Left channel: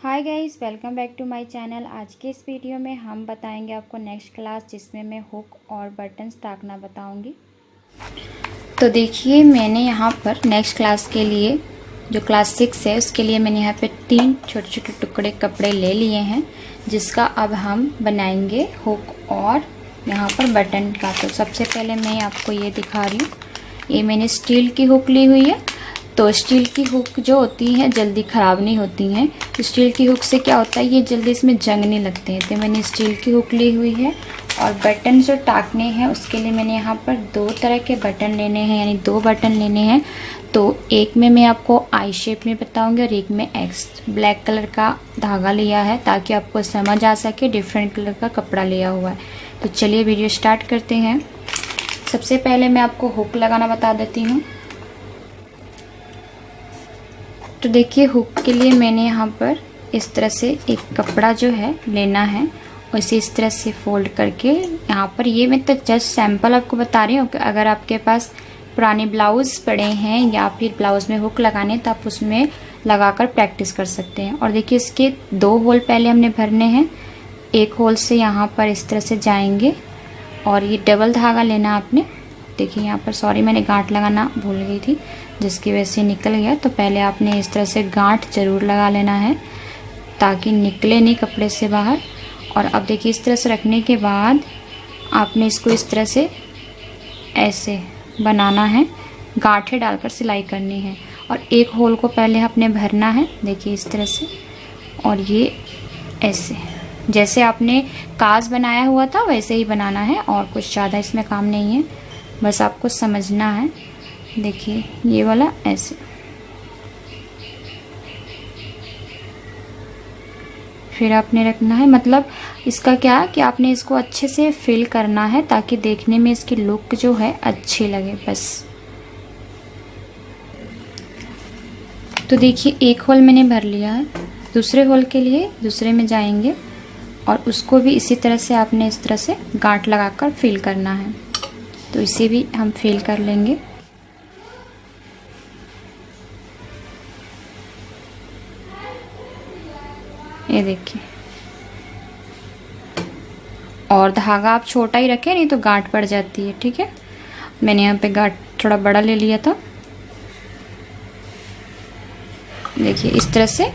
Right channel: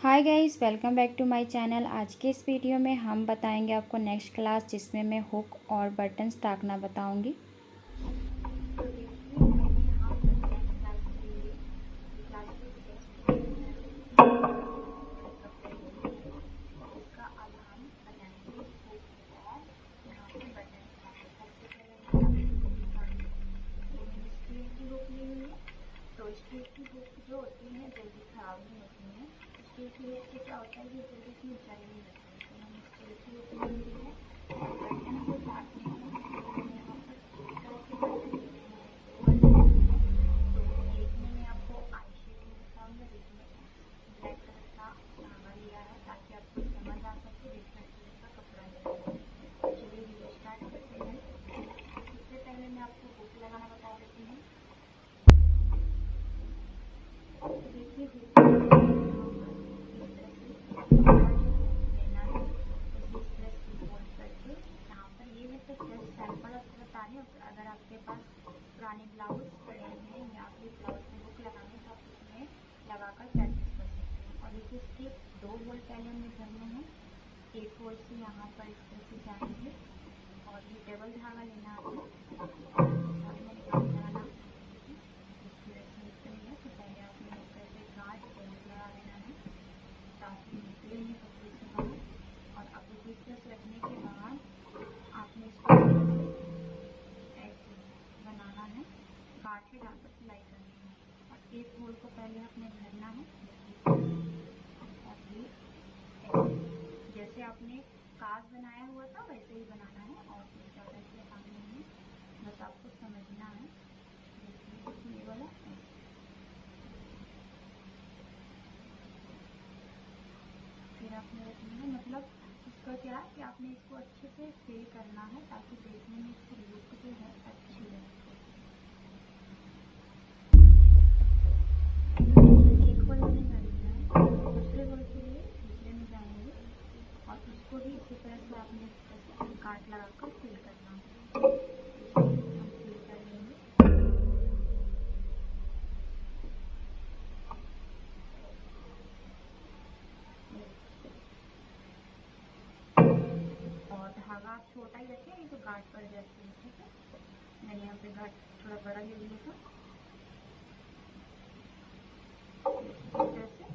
Hi guys, welcome back to my channel. आज के इस वीडियो में हम बताएंगे आपको नेक्स्ट क्लास, जिसमें मैं हुक और बटन्स टाकना बताऊंगी। तो देखिए, मैंने यहाँ पर नेक्स्ट क्लास के लिए जो क्लास 6 है उसके लिए मैंने यहाँ पे 3 छोटे छोटे टुकड़े कपड़े ले लिए हैं, जिसका अब हम बनाएंगे हुक और यहाँ पर बटन का। तो सबसे पहले मैं आपको ये दिखा रही हूँ। ये मैंने स्टील की हुक ली हुई है। तो स्टील की हुक जो होती है जल्दी ख़राब नहीं होती हैं। तो स्टील की हुक से क्या होता है, ये जल्दी इसमें जंग नहीं लगते हैं। तो मैंने स्टील की हुक ली हुई है। और बटन जो टाकने हैं उसके लिए मैंने यहाँ पर 2 तरह के बटन लेने हैं, यानी 2 बटन लेने हैं। तो एक में मैं आपको आई शेप में बताऊंगी और एक में एक्स। ब्लैक कलर का धागा लिया है ताकि आपको समझ आ सके डिफरेंट कलर का कपड़ा लिया हुआ है। तो चलिए वीडियो स्टार्ट करते हैं। सबसे पहले मैं आपको हुक लगाना बता देती हूँ। तो देखिए, हुक के लिए मैंने यहाँ पर इस तरह से एक कपड़ा जो है लेना है और इसे इस तरह से फोल्ड करके यहाँ पर, ये मैं तो जस्ट सैंपल आपको बता रही हूँ कि अगर आपके पास पुराने ब्लाउज़ पड़े हैं या फिर ब्लाउज़ में हुक लगाने तो आप उसमें लगाकर प्रैक्टिस कर सकते हैं। और देखिए, इसके 2 होल पहले हमने भरने हैं। एक होल से यहाँ पर इस तरह से जाएंगे और ये डबल धागा लेना आपने। देखिए यहाँ पर, सॉरी मैंने गांठ लगाना भूल गई थी, जिसकी वजह से निकल गया। तो पहले आपने इस तरह से गांठ जरूर लगा लेना है ताकि निकले नहीं कपड़े से बाहर। और अब देखिए, इस तरह से रखने के बाद आपने इसको इस तरह से ऐसे बनाना है, गांठें डालकर सिलाई करनी है। और एक होल को पहले आपने भरना है, देखिए इस तरह से। और ये ऐसे जैसे आपने काज बनाया हुआ था वैसे ही बनाना है, और कुछ ज़्यादा इसमें काम नहीं है, बस आपको समझना है। देखिए ये वाला ऐसे, फिर आपने रखना है। मतलब इसका क्या है कि आपने इसको अच्छे से फिल करना है ताकि देखने में इसकी लुक जो है अच्छी लगे, बस। तो देखिए, एक होल मैंने भर लिया है। दूसरे होल के लिए दूसरे में जाएंगे और उसको भी इसी तरह से आपने इस तरह से गांठ लगाकर फिल करना है। तो इसे भी हम फिल कर लेंगे। ये देखिए, और धागा आप छोटा ही रखें, नहीं तो गांठ पड़ जाती है। ठीक है, मैंने यहाँ पे गांठ थोड़ा बड़ा ले लिया था। देखिए इस तरह से।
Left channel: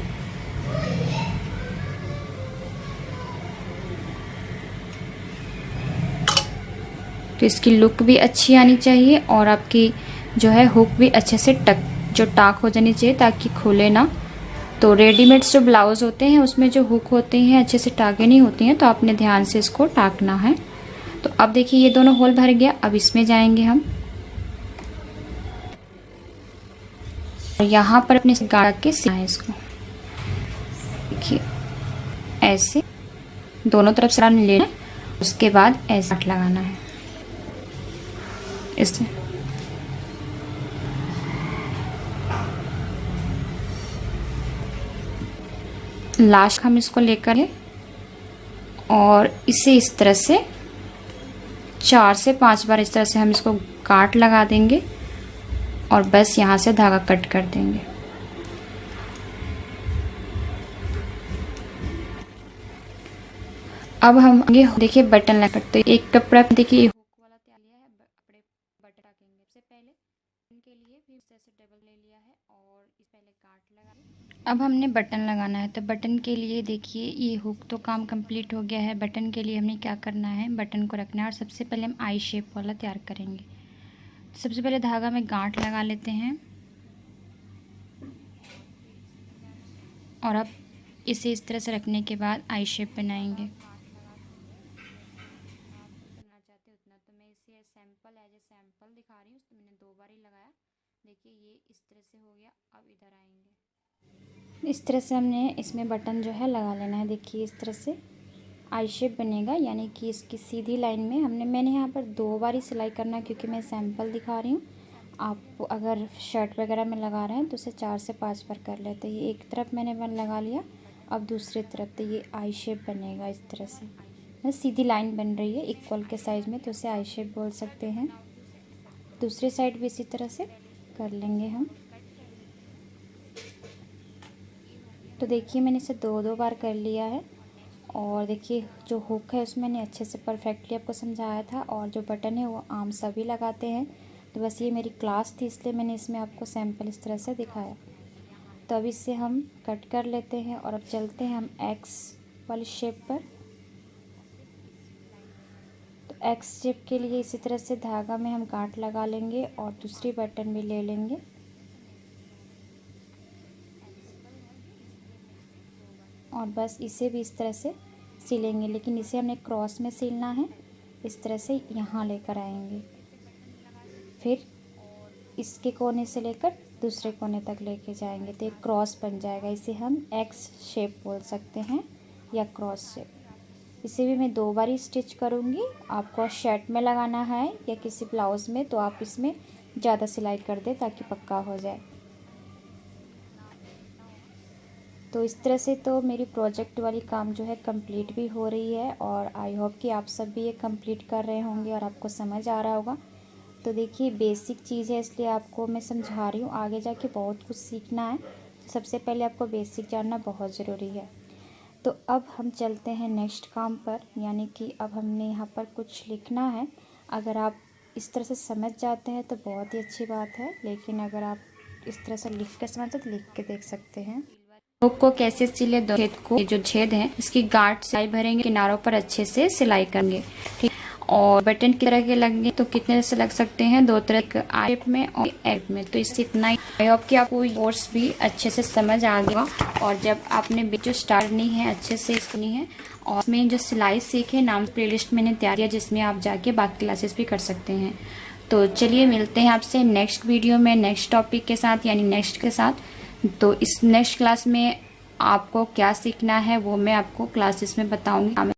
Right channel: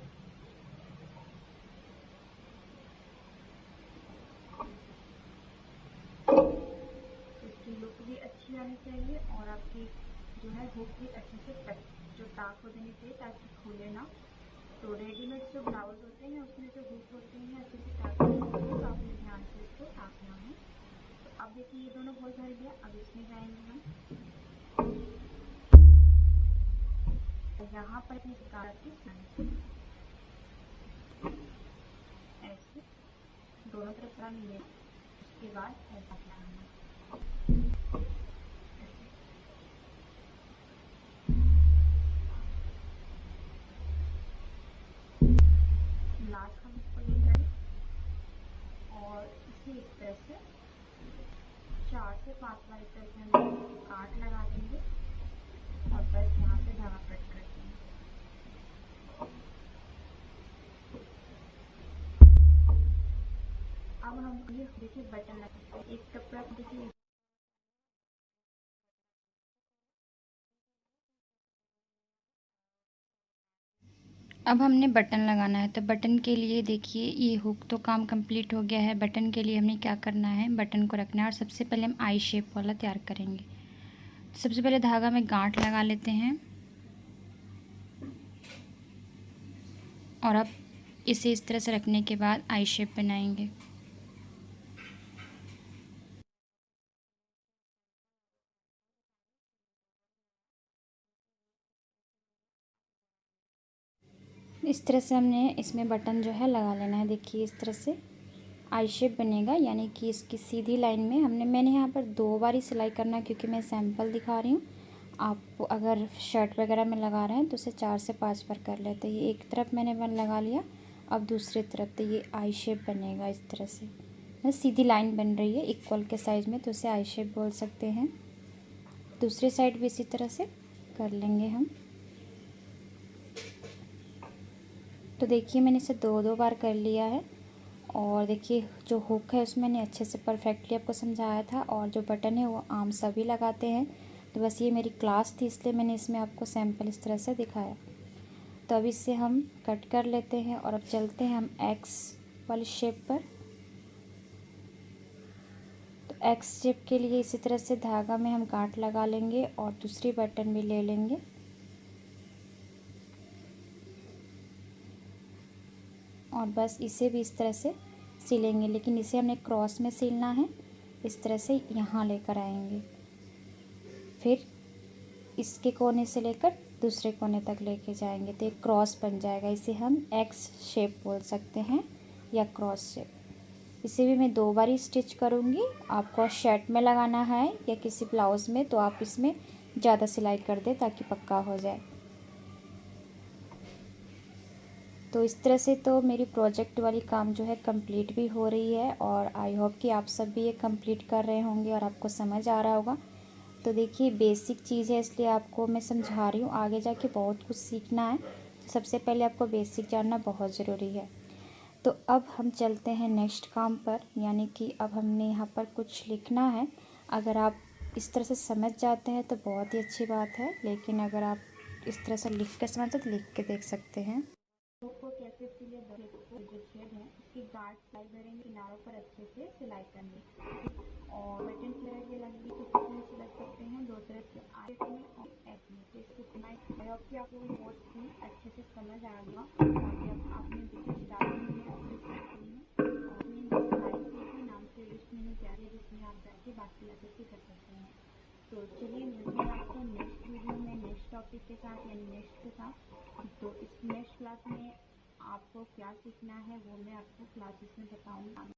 तो इसकी लुक भी अच्छी आनी चाहिए और आपकी जो है हुक भी अच्छे से टाक हो जानी चाहिए ताकि खुले ना। तो रेडीमेड जो ब्लाउज होते हैं उसमें जो हुक होते हैं अच्छे से टाके नहीं होती हैं, तो आपने ध्यान से इसको टाकना है। तो अब देखिए, ये दोनों होल भर गया। अब इसमें जाएंगे हम और यहाँ पर अपने गाढ़ा के सिलना है इसको। देखिए ऐसे दोनों तरफ से लेना है, उसके बाद ऐसा लगाना है इससे। लास्ट हम इसको लेकर और इसे इस तरह से 4 से 5 बार इस तरह से हम इसको गांठ लगा देंगे और बस यहाँ से धागा कट कर देंगे। अब हम आगे देखिए बटन लगा करते। एक कपड़ा देखिए हुक वाला तैयार लिया है, अपने बटन रखेंगे। सबसे पहले इनके लिए भी इस तरह से डबल ले लिया है और इस पहले गांठ लगा। अब हमने बटन लगाना है। तो बटन के लिए देखिए, ये हुक तो काम कंप्लीट हो गया है। बटन के लिए हमने क्या करना है, बटन को रखना है और सबसे पहले हम आई शेप वाला तैयार करेंगे। सबसे पहले धागा में गांठ लगा लेते हैं और अब इसे इस तरह से रखने के बाद आई शेप बनाएंगे। सैंपल दिखा रही हूँ, तो मैंने 2 बार ही लगाया। देखिए ये इस तरह से हो गया। अब इधर आएंगे, इस तरह से हमने इसमें बटन जो है लगा लेना है। देखिए इस तरह से आई शेप बनेगा, यानी कि इसकी सीधी लाइन में मैंने यहाँ पर 2 बार ही सिलाई करना है क्योंकि मैं सैंपल दिखा रही हूँ। आप अगर शर्ट वगैरह में लगा रहे हैं तो उसे 4 से 5 बार कर लेते हैं। ये एक तरफ मैंने बन लगा लिया, अब दूसरी तरफ। तो ये आई शेप बनेगा इस तरह से, सीधी लाइन बन रही है इक्वल के साइज में, तो उसे आई शेप बोल सकते हैं। दूसरी साइड भी इसी तरह से कर लेंगे हम। तो देखिए मैंने इसे 2-2 बार कर लिया है। और देखिए जो हुक है उसमें मैंने अच्छे से परफेक्टली आपको समझाया था, और जो बटन है वो आम सभी लगाते हैं। तो बस ये मेरी क्लास थी इसलिए मैंने इसमें आपको सैंपल इस तरह से दिखाया। तो अब इससे हम कट कर लेते हैं और अब चलते हैं हम एक्स वाली शेप पर। तो एक्स शेप के लिए इसी तरह से धागा में हम गांठ लगा लेंगे और दूसरी बटन भी ले लेंगे। और बस इसे भी इस तरह से सिलेंगे, लेकिन इसे हमने क्रॉस में सिलना है। इस तरह से यहाँ लेकर आएंगे, फिर इसके कोने से लेकर दूसरे कोने तक लेके जाएंगे तो एक क्रॉस बन जाएगा। इसे हम एक्स शेप बोल सकते हैं या क्रॉस शेप। इसे भी मैं 2 बार ही स्टिच करूँगी। आपको शर्ट में लगाना है या किसी ब्लाउज़ में तो आप इसमें ज़्यादा सिलाई कर दें ताकि पक्का हो जाए। तो इस तरह से तो मेरी प्रोजेक्ट वाली काम जो है कंप्लीट भी हो रही है, और आई होप कि आप सब भी ये कंप्लीट कर रहे होंगे और आपको समझ आ रहा होगा। तो देखिए बेसिक चीज़ है इसलिए आपको मैं समझा रही हूँ, आगे जाके बहुत कुछ सीखना है। सबसे पहले आपको बेसिक जानना बहुत ज़रूरी है। तो अब हम चलते हैं नेक्स्ट काम पर, यानी कि अब हमने यहाँ पर कुछ लिखना है। अगर आप इस तरह से समझ जाते हैं तो बहुत ही अच्छी बात है, लेकिन अगर आप इस तरह से लिख के समझते तो लिख के देख सकते हैं। हुक को कैसे सिले, दो छेद को, ये जो छेद है इसकी गांठ सिलाई भरेंगे, किनारों पर अच्छे से सिलाई करेंगे, ठीक। और बटन की तरह के लगेंगे तो कितने से लग सकते हैं, 2 तरह के, शेप में और एग में। तो इससे इतना ही। आई होप कि आपको कोर्स भी अच्छे से समझ आ गया। और जब आपने जो स्टार्ट नहीं है अच्छे से सुनी है, और इसमें जो सिलाई सीखे नाम प्लेलिस्ट मैंने तैयार किया जिसमें आप जाके बाकी क्लासेस भी कर सकते हैं। तो चलिए मिलते हैं आपसे नेक्स्ट वीडियो में नेक्स्ट टॉपिक के साथ, यानी नेक्स्ट के साथ। तो इस नेक्स्ट क्लास में आपको क्या सीखना है वो मैं आपको क्लासेस में बताऊंगी।